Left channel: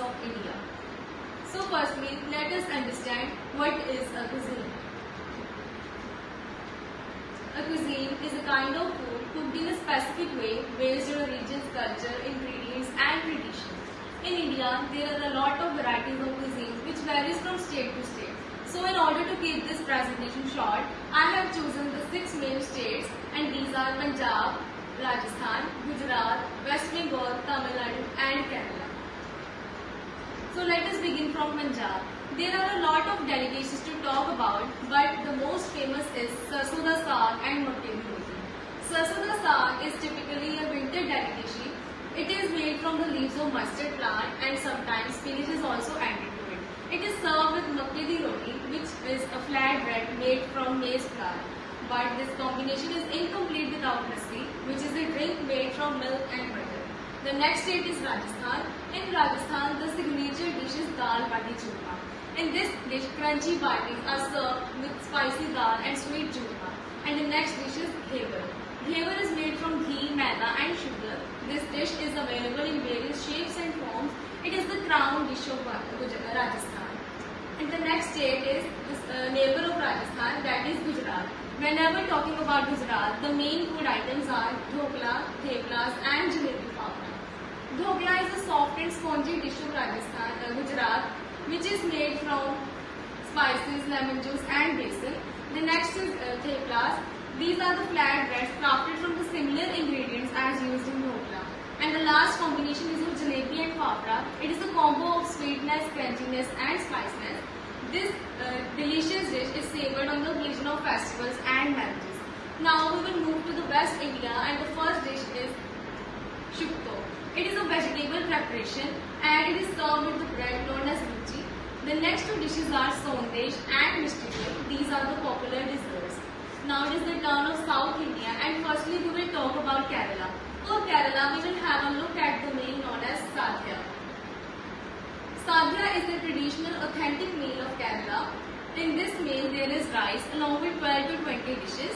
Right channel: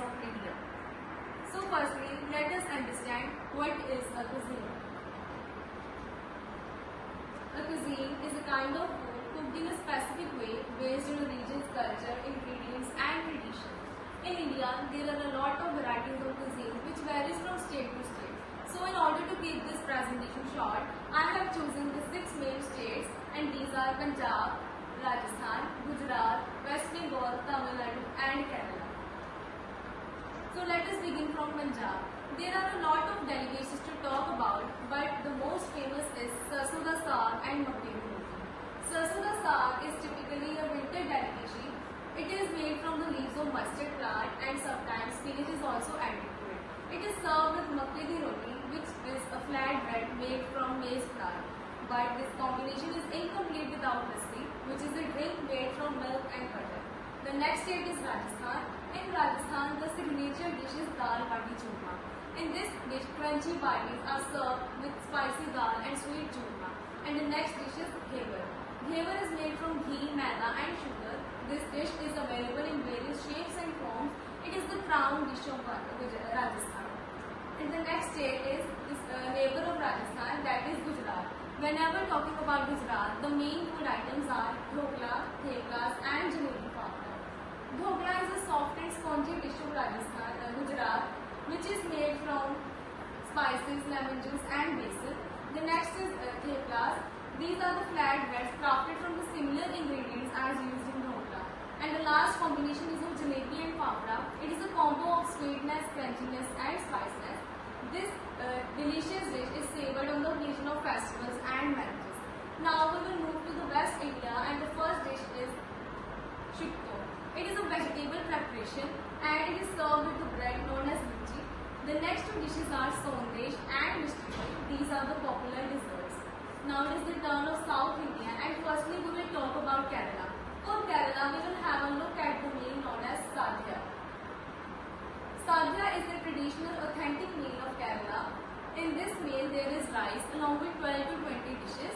of India. So firstly, let us understand what is a cuisine. A cuisine is a kind of food cooked in a specific way based on a region's culture, ingredients and tradition. In India, there are a lot of varieties of cuisines which varies from state to state. So in order to keep this presentation short, I have chosen the 6 main states, and these are Punjab, Rajasthan, Gujarat, West Bengal, Tamil Nadu and Kerala. So let us begin from Punjab. There are a lot of delicacies to talk about, but the most famous is sarson da saag and makke di roti. Sarson da saag is typically a winter delicacy. It is made from the leaves of mustard plant and sometimes spinach is also added to it. It is served with makke di roti, which is a flat bread made from maize flour. But this combination is incomplete without lassi, which is a drink made from milk and butter. The next state is Rajasthan. In Rajasthan, the signature dish is dal bati churma. In this dish, crunchy batis are served with spicy dal and sweet churma. And the next dish is ghevar. Ghevar is made from ghee, maida and sugar. This dish is available in various shapes and forms. It is the crown dish of Rajasthan. And the next state is this neighbor of Rajasthan, that is Gujarat. Whenever talking about Gujarat, the main food items are dhokla, theplas and jalebi fafda. Dhokla is a soft and spongy dish of Rajasthan, Gujarat, which is made from spices, lemon juice and basil. The next is theplas. These are the flat breads crafted from the similar ingredients as used in dhokla. And the last combination is of jalebi and fafda. It is a combo of sweetness, crunchiness and spiciness. This delicious dish is savoured on the occasion of festivals and marriages. Now we will move to the West India, and the first dish is shukto. It is a vegetable preparation and it is served with the bread known as luchi. The next two dishes are sondesh and mishti. These are the popular desserts. Now it is the turn of South India, and firstly we will talk about Kerala. For Kerala, we will have a look at the meal known as sadhya. Sadhya is the traditional authentic meal of Kerala. In this meal there is rice along with 12 to 20 dishes.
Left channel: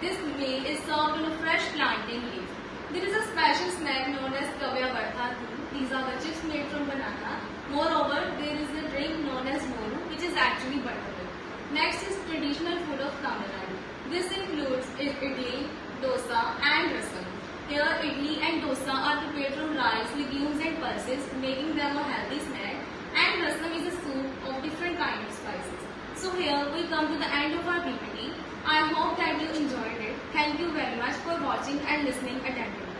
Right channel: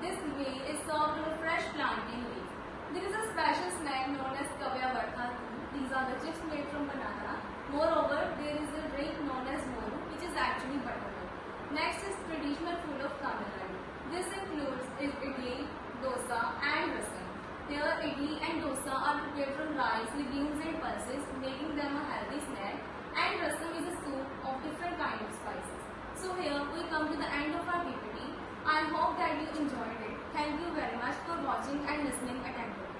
This meal is served on a fresh plantain leaf. There is a special snack known as kavya vartha. These are the chips made from banana. Moreover, there is a drink known as moru, which is actually buttermilk. Next is traditional food of Tamil Nadu. This includes idli, dosa and rasam. Here, idli and dosa are prepared from rice, legumes and pulses, making them a healthy snack. And rasam is a soup of different kinds of spices. So here we come to the end of our PPT. I hope that you enjoyed it. Thank you very much for watching and listening attentively.